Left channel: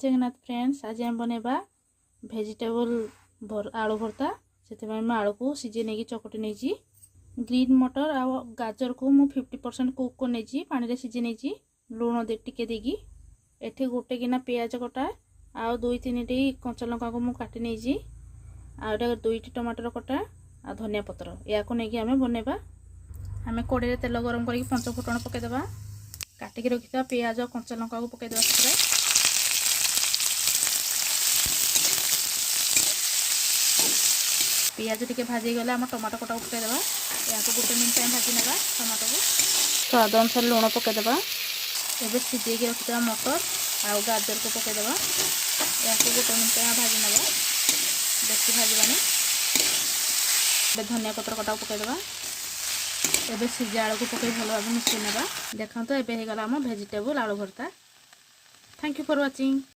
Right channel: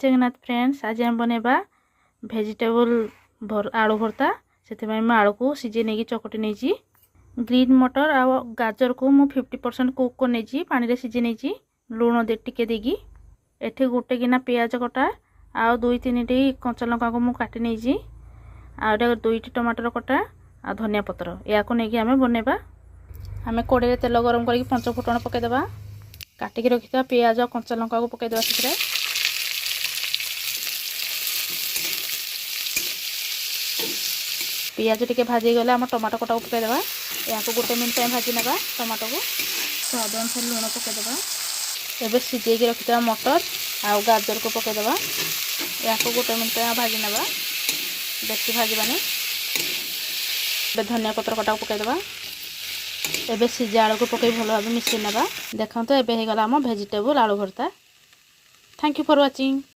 Jagannath friends, आज हम बनेबा भेजिटेबल आलू भर्ता। से आलू को सीझे नहीं चकटी नहीं। ग्रीन मटर आ गाजर को मु 50% कुक को नहीं पानी रे सीझे नहीं लुण टिके देगी। एठी गोटे गिना पियाज कटा आ 2-3 टी कंचा लंका को मु काटी नहीं आ 2टी टमाटर कटा आ धनिया पत्र या को नहीं आमे बनेबा। आमे कड़े तेल गरम करके 5 फुटण पकेदेबा। काटिकी रखिथा पियाज कंचा लंका को पकेदेबा। से पियाज टिके भाजी गले आम टमाटो कटा को पकेदेबा। या को गोटे मिनट टाइम भाजी नेबा। टमाटो को स्वाद अनुसार लुण पकेदेबा। एबे सीझे के रखिथा मटर आ गाजर को पकेदेबा। या को गोटे मिनट टाइम भाजी नेबा। बेसी भाजबानी। धनिया पत्र कटा को पकेदेबा। एबे सीझा आलू को पकई भल भाव मिसई नेबा। देखंतो एबे हे गला आम भेजिटेबल आलू भर्ता। Thank you for watching.